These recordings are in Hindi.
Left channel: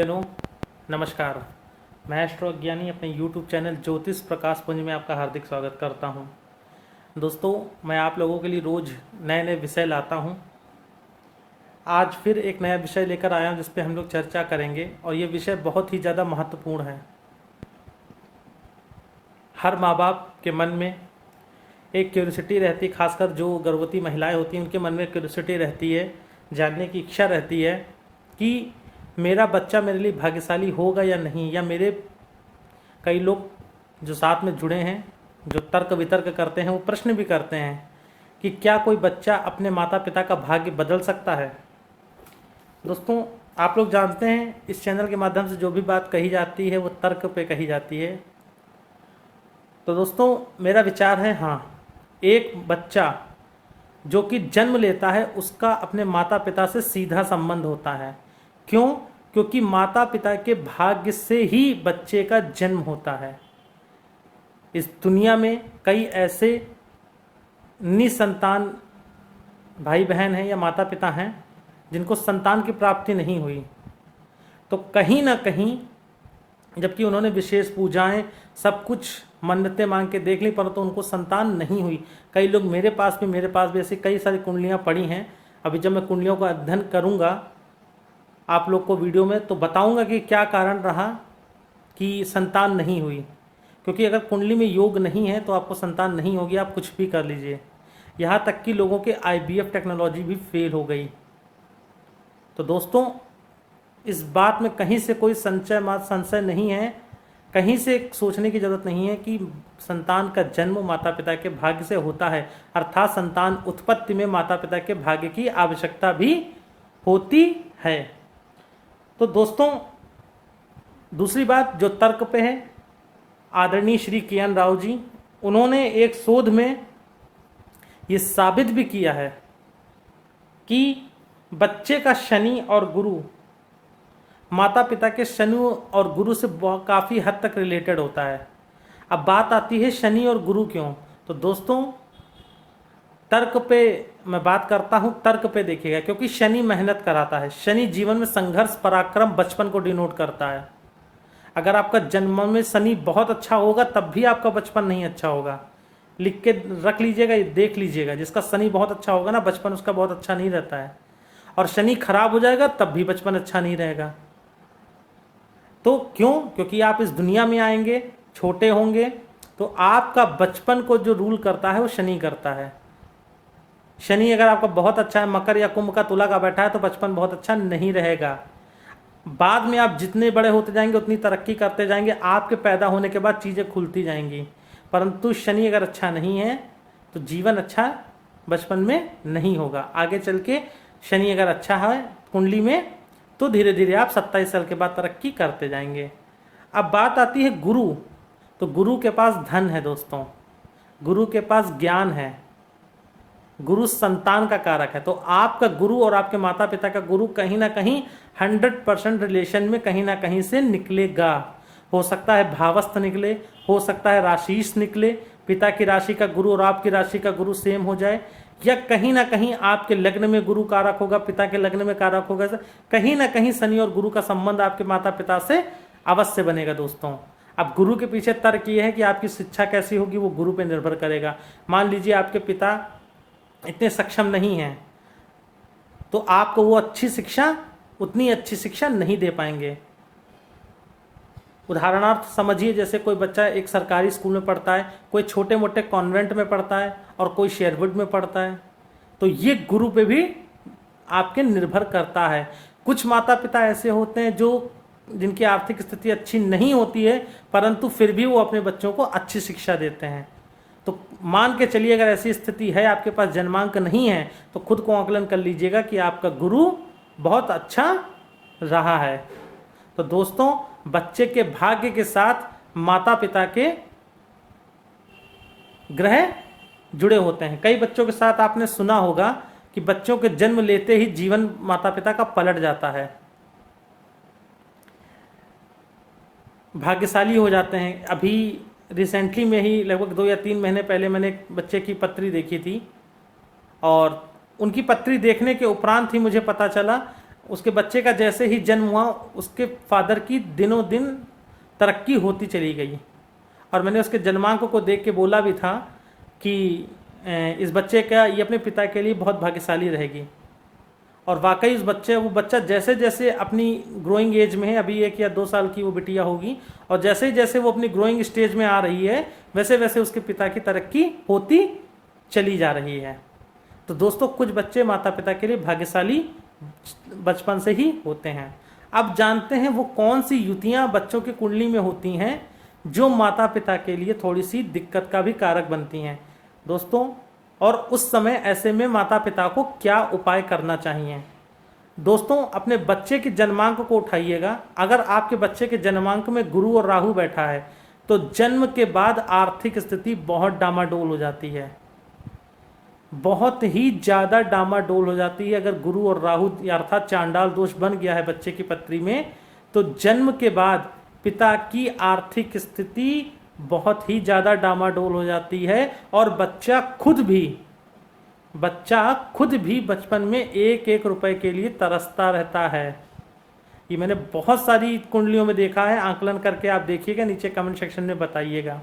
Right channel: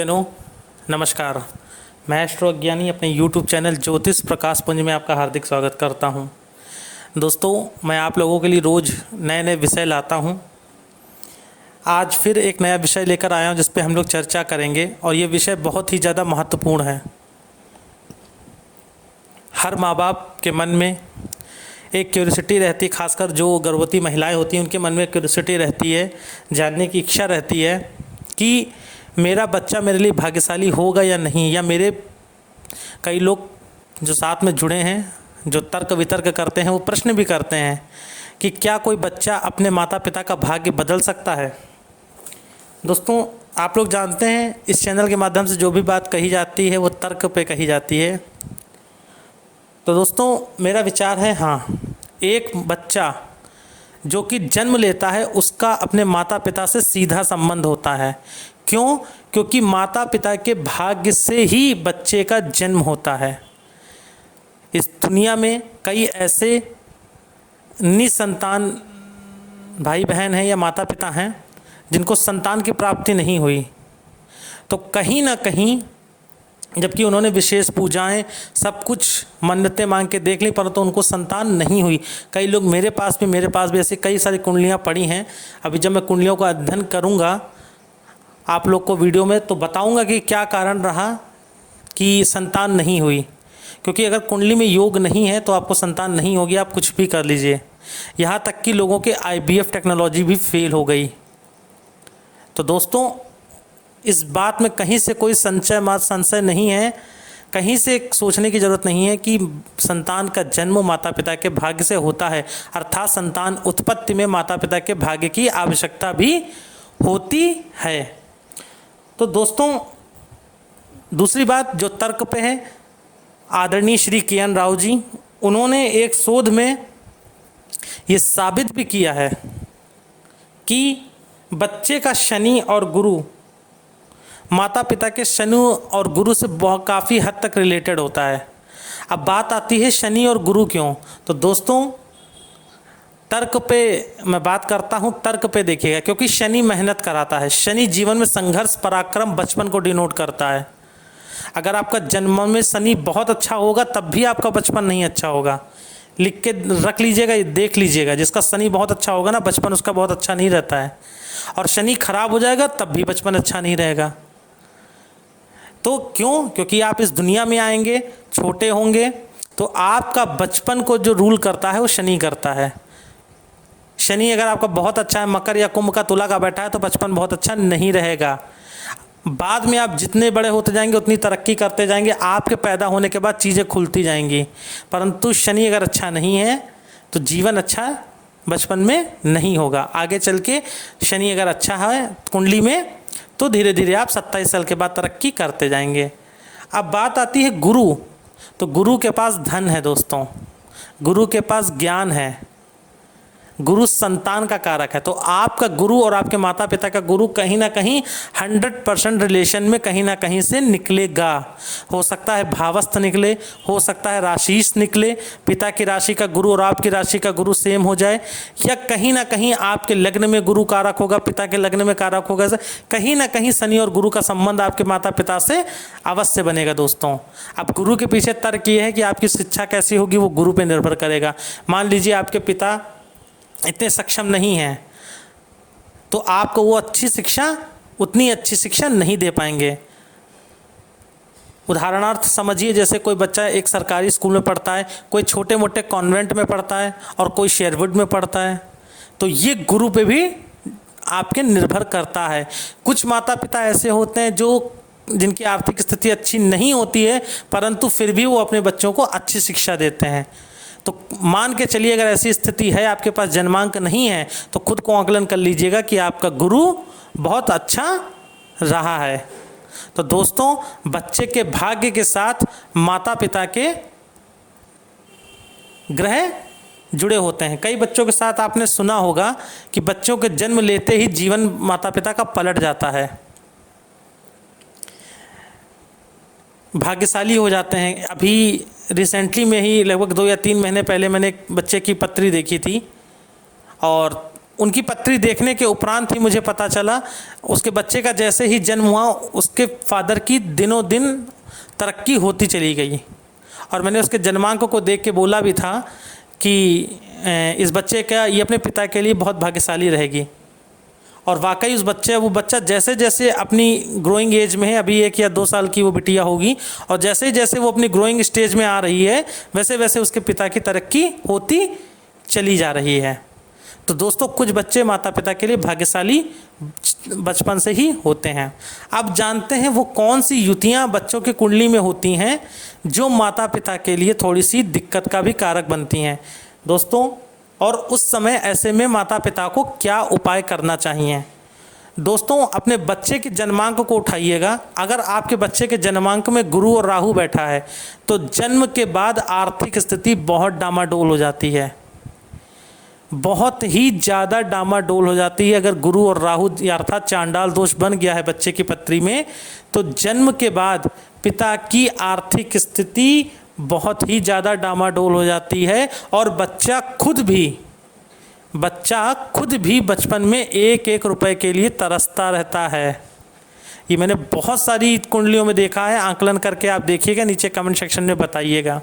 जनों, नमस्कार। मैं एस्ट्रो अज्ञानी अपने यूट्यूब चैनल ज्योतिष प्रकाश पुंज में आपका हार्दिक स्वागत करता हूं। दोस्तों, मैं आप लोगों के लिए रोज़ नए नए विषय लाता हूं। आज फिर एक नया विषय लेकर आया हूं जिस पे हम लोग चर्चा करेंगे और ये विषय बहुत ही ज़्यादा महत्वपूर्ण है। हर माँ बाप के मन में एक क्यूरियोसिटी रहती है, खासकर जो गर्भवती महिलाएं होती हैं उनके मन में क्यूरियोसिटी रहती है, जानने की इच्छा रहती है कि मेरा बच्चा मेरे लिए भाग्यशाली होगा या नहीं। या मेरे कई लोग जो साथ में जुड़े हैं, जो तर्क वितर्क करते हैं, वो प्रश्न भी करते हैं कि क्या कोई बच्चा अपने माता पिता का भाग्य बदल सकता है। दोस्तों, आप लोग जानते हैं इस चैनल के माध्यम से जो भी बात कही जाती है वो तर्क पे कही जाती है। तो दोस्तों, मेरा विचार है, हाँ, एक बच्चा जो कि जन्म लेता है उसका अपने माता पिता से सीधा संबंध होता है। क्यों? क्योंकि माता पिता के भाग्य से ही बच्चे का जन्म होता है। इस दुनिया में कई ऐसे निसंतान भाई बहन हैं या माता पिता हैं जिनको संतान की प्राप्ति नहीं हुई, तो कहीं ना कहीं जबकि उन्होंने विशेष पूजाएं सब कुछ मन्नतें मांग के देख ली, परंतु उनको संतान नहीं हुई। कई लोग मेरे पास भी ऐसी कई सारी कुंडलियां पड़ी हैं। अभी जब मैं कुंडलियों का अध्ययन करूंगा आप लोग को वीडियो में, तो बताऊंगा कि क्या कारण रहा कि संतान नहीं हुई। क्योंकि अगर कुंडली में योग नहीं है तो आपको संतान नहीं होगी, आप कुछ भी कर लीजिए। यहाँ तक कि लोगों के IVF टेक्नोलॉजी भी फेल हो गई। तो दोस्तों, इस बात में कहीं से कोई संशय नहीं है, कहीं से सोचने की ज़रूरत नहीं है कि संतान का जन्म माता पिता के भाग्य से होता है, अर्थात संतान उत्पत्ति में माता पिता के भाग्य की आवश्यकता भी होती है। तो दोस्तों, दूसरी बात जो तर्क पे है, आदरणीय श्री के.एन. राव जी, उन्होंने एक शोध में ये साबित भी किया है कि बच्चे का शनि और गुरु माता पिता के शनि और गुरु से काफ़ी हद तक रिलेटेड होता है। अब बात आती है शनि और गुरु क्यों। तो दोस्तों, तर्क पे मैं बात करता हूँ, तर्क पे देखिएगा। क्योंकि शनि मेहनत कराता है, शनि जीवन में संघर्ष, पराक्रम, बचपन को डिनोट करता है। अगर आपका जन्म में शनि बहुत अच्छा होगा तब भी आपका बचपन नहीं अच्छा होगा। लिख के रख लीजिएगा, देख लीजिएगा, जिसका शनि बहुत अच्छा होगा ना, बचपन उसका बहुत अच्छा नहीं रहता है। और शनि खराब हो जाएगा तब भी बचपन अच्छा नहीं रहेगा। तो क्यों? क्योंकि आप इस दुनिया में आएंगे, छोटे होंगे, तो आपका बचपन को जो रूल करता है वो शनि करता है। शनि अगर आपका बहुत अच्छा है, मकर या कुंभ का तुला का बैठा है, तो बचपन बहुत अच्छा नहीं रहेगा। बाद में आप जितने बड़े होते जाएंगे उतनी तरक्की करते जाएंगे, आपके पैदा होने के बाद चीज़ें खुलती जाएंगी। परंतु शनि अगर अच्छा नहीं है तो जीवन अच्छा बचपन में नहीं होगा। आगे चल के शनि अगर अच्छा है कुंडली में तो धीरे धीरे आप 27 साल के बाद तरक्की करते जाएंगे। अब बात आती है गुरु। तो गुरु के पास धन है दोस्तों, गुरु के पास ज्ञान है, गुरु संतान का कारक है। तो आपका गुरु और आपके माता पिता का गुरु कहीं ना कहीं 100% रिलेशन में कहीं ना कहीं से निकलेगा। हो सकता है भावस्थ निकले, हो सकता है राशिश निकले, पिता की राशि का गुरु और आपकी राशि का गुरु सेम हो जाए, या कहीं ना कहीं आपके लग्न में गुरु कारक होगा, पिता के लग्न में कारक होगा। कहीं ना कहीं शनि और गुरु का संबंध आपके माता पिता से अवश्य बनेगा दोस्तों। अब गुरु के पीछे तर्क ये है कि आपकी शिक्षा कैसी होगी वो गुरु पर निर्भर करेगा। मान लीजिए आपके पिता इतने सक्षम नहीं है तो आपको वो उतनी अच्छी शिक्षा नहीं दे पाएंगे। उदाहरणार्थ समझिए, जैसे कोई बच्चा एक सरकारी स्कूल में पढ़ता है, कोई छोटे मोटे कॉन्वेंट में पढ़ता है और कोई शेरवुड में पढ़ता है, तो ये गुरु पे भी आपके निर्भर करता है। कुछ माता पिता ऐसे होते हैं जिनकी आर्थिक स्थिति अच्छी नहीं होती है, परंतु फिर भी वो अपने बच्चों को अच्छी शिक्षा देते हैं। तो मान के चलिए अगर ऐसी स्थिति है, आपके पास जन्मांक नहीं है, तो खुद को आकलन कर लीजिएगा कि आपका गुरु बहुत अच्छा रहा है। तो दोस्तों, बच्चे के भाग्य के साथ माता पिता के ग्रह जुड़े होते हैं। कई बच्चों के साथ आपने सुना होगा कि बच्चों के जन्म लेते ही जीवन माता पिता का पलट जाता है, भाग्यशाली हो जाते हैं। अभी रिसेंटली में ही लगभग 2 या 3 महीने पहले मैंने एक बच्चे की पत्री देखी थी और उनकी पत्री देखने के उपरांत ही मुझे पता चला, उसके बच्चे का जैसे ही जन्म हुआ उसके फादर की दिनों दिन तरक्की होती चली गई। और मैंने उसके जन्मांक को देख के बोला भी था कि इस बच्चे का, ये अपने पिता के लिए बहुत भाग्यशाली रहेगी। और वाकई वो बच्चा जैसे जैसे अपनी ग्रोइंग एज में है, अभी 1 या 2 साल की वो बिटिया होगी, और जैसे जैसे वो अपनी ग्रोइंग स्टेज में आ रही है वैसे वैसे उसके पिता की तरक्की होती चली जा रही है। तो दोस्तों, कुछ बच्चे माता पिता के लिए भाग्यशाली बचपन से ही होते हैं। अब जानते हैं वो कौन सी युतियाँ बच्चों की कुंडली में होती हैं जो माता पिता के लिए थोड़ी सी दिक्कत का भी कारक बनती हैं दोस्तों। और उस समय ऐसे में माता पिता को क्या उपाय करना चाहिए। दोस्तों, अपने बच्चे के जन्मांक को उठाइएगा। अगर आपके बच्चे के जन्मांक में गुरु और राहु बैठा है तो जन्म के बाद आर्थिक स्थिति बहुत डामाडोल हो जाती है, बहुत ही ज़्यादा डामाडोल हो जाती है। अगर गुरु और राहु अर्थात चांडाल दोष बन गया है बच्चे की पत्री में, तो जन्म के बाद पिता की आर्थिक स्थिति बहुत ही ज़्यादा डामाडोल हो जाती है। और बच्चा खुद भी बचपन में 1-1 रुपए के लिए तरसता रहता है। ये मैंने बहुत सारी कुंडलियों में देखा है, आंकलन करके आप देखिएगा, नीचे कमेंट सेक्शन में बताइएगा।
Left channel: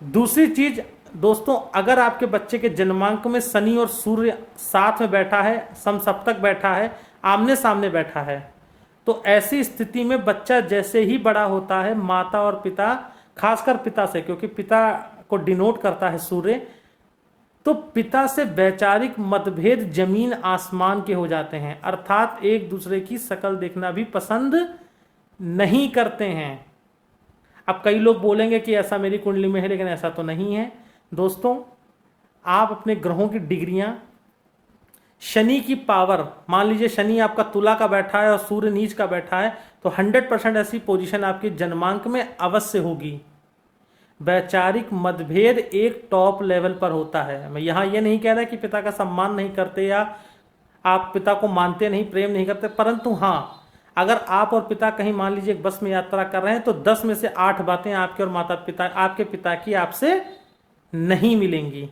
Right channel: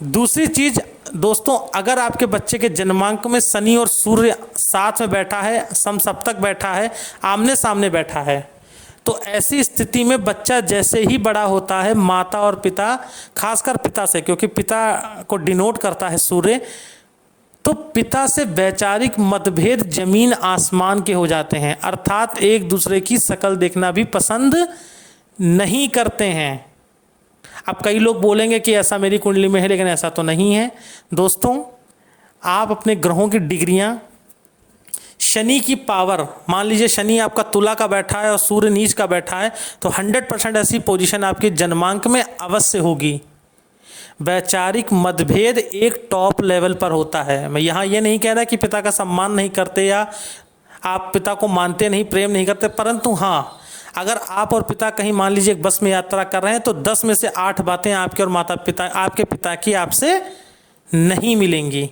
दूसरी चीज़ दोस्तों, अगर आपके बच्चे के जन्मांक में शनि और सूर्य साथ में बैठा है, समसप्तक बैठा है, आमने सामने बैठा है, तो ऐसी स्थिति में बच्चा जैसे ही बड़ा होता है, माता और पिता, खासकर पिता से, क्योंकि पिता को डिनोट करता है सूर्य, तो पिता से वैचारिक मतभेद जमीन आसमान के हो जाते हैं। अर्थात एक दूसरे की शक्ल देखना भी पसंद नहीं करते हैं। अब कई लोग बोलेंगे कि ऐसा मेरी कुंडली में है, लेकिन ऐसा तो नहीं है दोस्तों। आप अपने ग्रहों की डिग्रियां, शनि की पावर, मान लीजिए शनि आपका तुला का बैठा है और सूर्य नीच का बैठा है, तो 100% ऐसी पोजीशन आपके जन्मांक में अवश्य होगी। वैचारिक मतभेद एक टॉप लेवल पर होता है। मैं यहाँ ये नहीं कह रहा कि पिता का सम्मान नहीं करते या आप पिता को मानते नहीं, प्रेम नहीं करते, परंतु हाँ, अगर आप और पिता कहीं मान लीजिए एक बस में यात्रा कर रहे हैं तो 10 में से 8 बातें आपके और आपके पिता की आपसे नहीं मिलेंगी।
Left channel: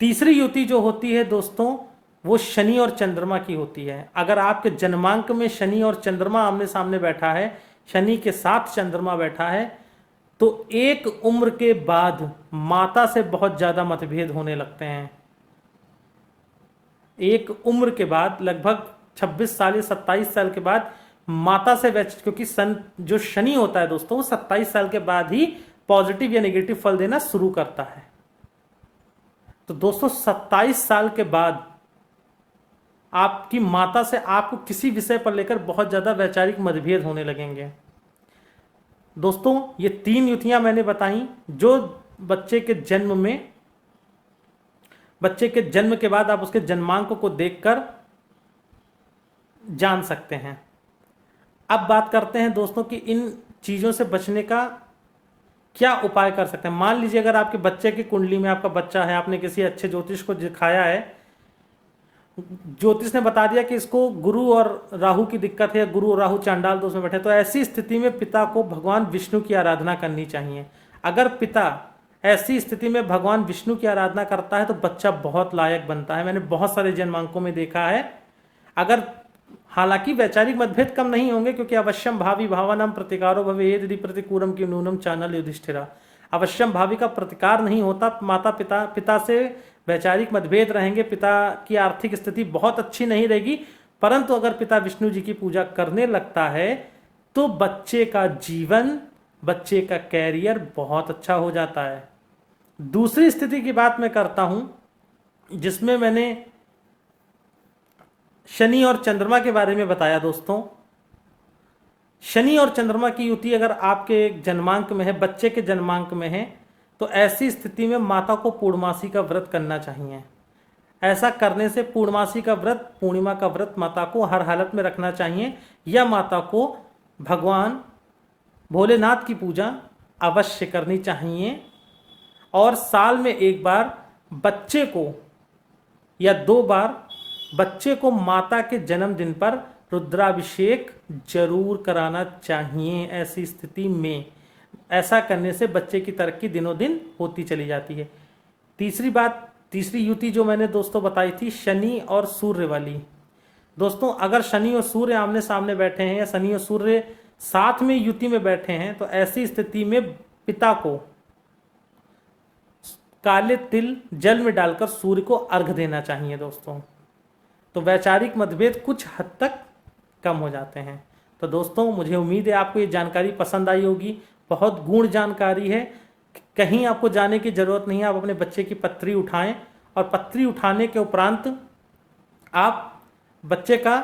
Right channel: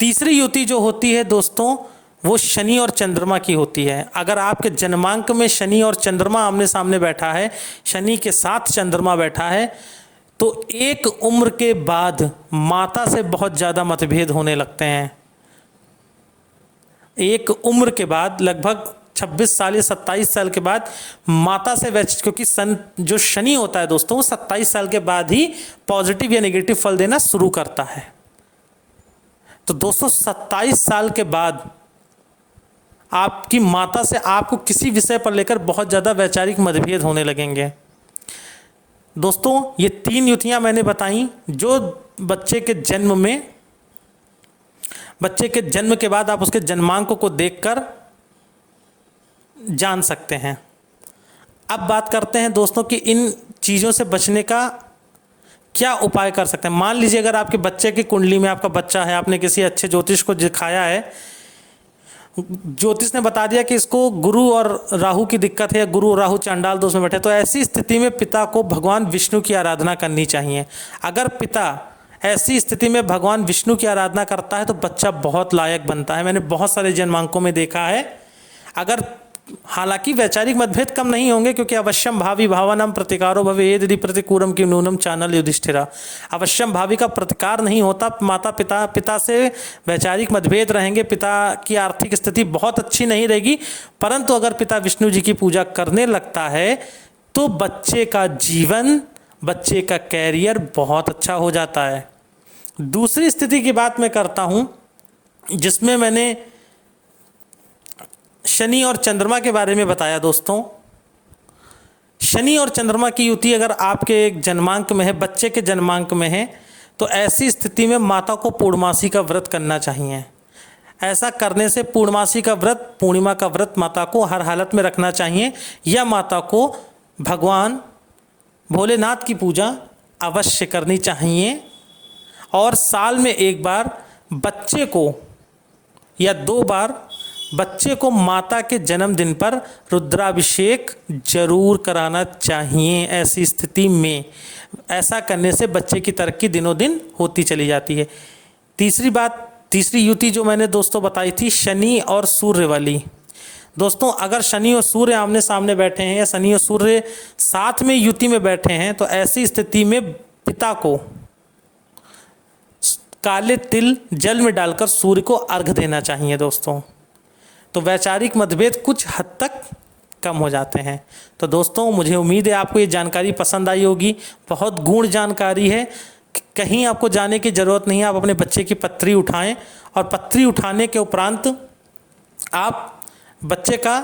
तीसरी युति जो होती है दोस्तों, वो शनि और चंद्रमा की होती है। अगर आपके जन्मांक में शनि और चंद्रमा आमने सामने बैठा है, शनि के साथ चंद्रमा बैठा है, तो एक उम्र के बाद माता से बहुत ज़्यादा मतभेद होने लगते हैं। एक उम्र के बाद लगभग 26 साल या 27 साल के बाद माता से क्योंकि जो शनि होता है दोस्तों, वो 27 साल के बाद ही पॉजिटिव या नेगेटिव फल देना शुरू करता है। तो दोस्तों 27 साल के बाद आपकी माता से आपको किसी विषय पर लेकर बहुत ज़्यादा वैचारिक मतभेद होने लगेंगे। दोस्तों, ये 3 युतियाँ मैंने बताई जो बच्चे के जन्म के बाद आप उसके जन्मांक को देखकर जान सकते हैं। अब बात करते हैं दोस्तों कि इन चीज़ों से बचने का क्या उपाय कर सकते हैं। मान लीजिए अगर आपके बच्चे की कुंडली में आपका बच्चा है, आपने किसी अच्छे ज्योतिष को दिखाया है, ज्योतिष ने बता दिया कि इसको गुरु और राहु की दिक्कत है, गुरु और राहु चांडाल दोष में बैठे, तो ऐसी स्थिति में पिता को भगवान विष्णु की आराधना करनी चाहिए। अगर पिता ऐसी स्थिति में भगवान विष्णु की आराधना करता है तो बच्चा बहुत लायक बनता है। मैंने बहुत सारे जन्मांकों में देखा है। अगर हालांकि वैचारिक मतभेद कम नहीं होंगे, क्योंकि अवश्यम भावी भावनाम प्रतिकारो भवे यदि प्रतिकूलम की नूनम चानल युधिष्ठिरा। अवश्यम भावी का प्रतिकार नहीं होता। माता पिता से वैचारिक मतभेद रहेंगे, पिता की आर्थिक स्थिति बहुत अच्छी नहीं रहेगी, परंतु अगर पिता विष्णु जी की पूजा करने लगता है तो बच्चे का जीवन, बच्चे का कैरियर बहुत अच्छा हो जाता है। दूसरी स्थिति की बात मैं करता हूं जिसमें मैंने शनि और चंद्रमा के बारे में बताया। दोस्तों, शनि और चंद्रमा की युति अगर आपके जन्मांक में है, बच्चे के जन्मांक में है, तो ऐसी स्थिति में माता को पूर्णमासी का व्रत करना चाहिए। ऐसा करने से पूर्णमासी का व्रत, पूर्णिमा का व्रत माता को हर हालत में रखना चाहिए, या माता को भगवान भोलेनाथ की पूजा अवश्य करनी चाहिए। और साल में 1 बार बच्चे को या 2 बार बच्चे को माता के जन्मदिन पर रुद्राभिषेक जरूर कराना चाहिए। ऐसी स्थिति में ऐसा करने से बच्चे की तरक्की दिनों दिन होती चली जाती है। तीसरी युति जो मैंने दोस्तों बताई थी शनि और सूर्य वाली। दोस्तों अगर शनि और सूर्य आमने सामने बैठे हैं या शनि और सूर्य साथ में युति में बैठे हैं तो ऐसी स्थिति में पिता को काले तिल जल में डालकर सूर्य को अर्घ देना चाहिए दोस्तों। तो वैचारिक मतभेद कुछ हद तक कम हो जाते हैं। तो दोस्तों मुझे उम्मीद है आपको ये जानकारी पसंद आई होगी। बहुत गूढ़ जानकारी है, कहीं आपको जाने की ज़रूरत नहीं है। आप अपने बच्चे की पत्री उठाएं और पत्री उठाने के उपरांत आप बच्चे का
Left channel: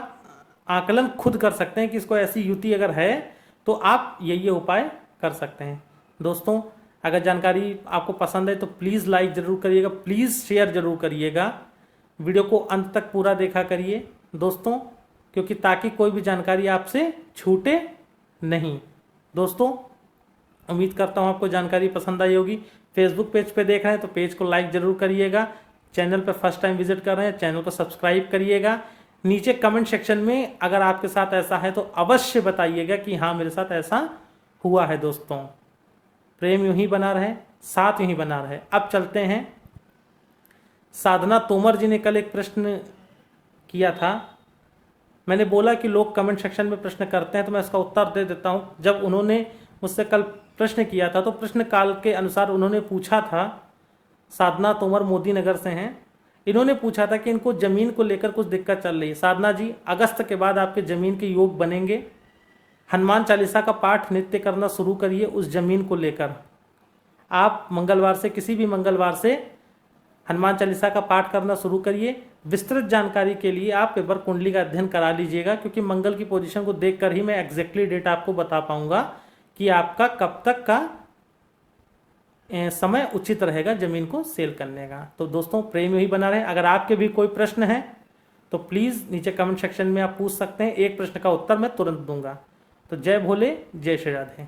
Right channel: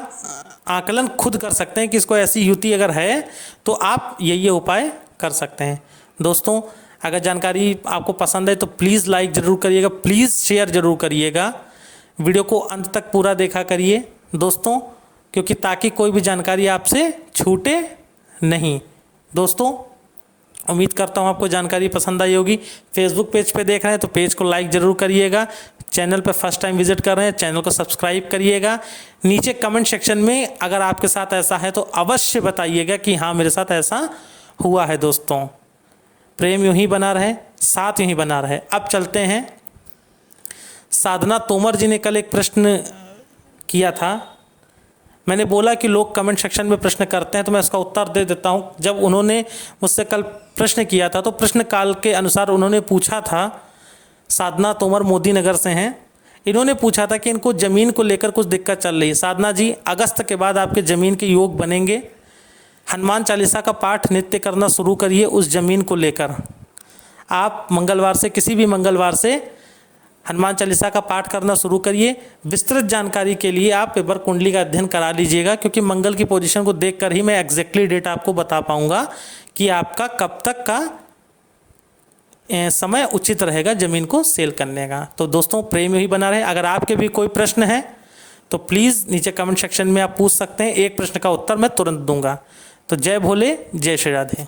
आकलन खुद कर सकते हैं कि इसको ऐसी युति अगर है तो आप ये उपाय कर सकते हैं। दोस्तों अगर जानकारी आपको पसंद है तो प्लीज़ लाइक ज़रूर करिएगा, प्लीज़ शेयर ज़रूर करिएगा, वीडियो को अंत तक पूरा देखा करिए दोस्तों, क्योंकि ताकि कोई भी जानकारी आपसे छूटे नहीं। दोस्तों उम्मीद करता हूँ आपको जानकारी पसंद आई होगी। फेसबुक पेज पे देख रहे हैं तो पेज को लाइक ज़रूर करिएगा, चैनल पर फर्स्ट टाइम विजिट कर रहे हैं चैनल को सब्सक्राइब करिएगा। नीचे कमेंट सेक्शन में अगर आपके साथ ऐसा है तो अवश्य बताइएगा कि हाँ मेरे साथ ऐसा हुआ है। दोस्तों प्रेम यूं ही बना रहे, साथ यूं ही बना रहे। अब चलते हैं, साधना तोमर जी ने कल एक प्रश्न किया था। मैंने बोला कि लोग कमेंट सेक्शन में प्रश्न करते हैं तो मैं इसका उत्तर दे देता हूँ। जब उन्होंने मुझसे कल प्रश्न किया था तो प्रश्न काल के अनुसार उन्होंने पूछा था, साधना तोमर मोदी नगर से हैं, इन्होंने पूछा था कि इनको ज़मीन को लेकर कुछ दिक्कत चल रही है। साधना जी अगस्त के बाद आपके ज़मीन के योग बनेंगे, हनुमान चालीसा का पाठ नित्य करना शुरू करिए उस ज़मीन को लेकर। आप मंगलवार से, किसी भी मंगलवार से हनुमान चालीसा का पाठ करना शुरू करिए। विस्तृत जानकारी के लिए आप पेपर कुंडली का अध्ययन करा लीजिएगा, क्योंकि मंगल की पोजीशन को देखकर ही मैं एग्जैक्टली डेट आपको बता पाऊंगा कि आपका कब तक का समय उचित रहेगा ज़मीन को सेल करने का। तो दोस्तों प्रेम ही बना रहे। अगर आपके भी कोई प्रश्न है तो प्लीज़ नीचे कमेंट सेक्शन में आप पूछ सकते हैं, एक प्रश्न का उत्तर मैं तुरंत दूंगा। तो जय भोले, जय श्री राधे।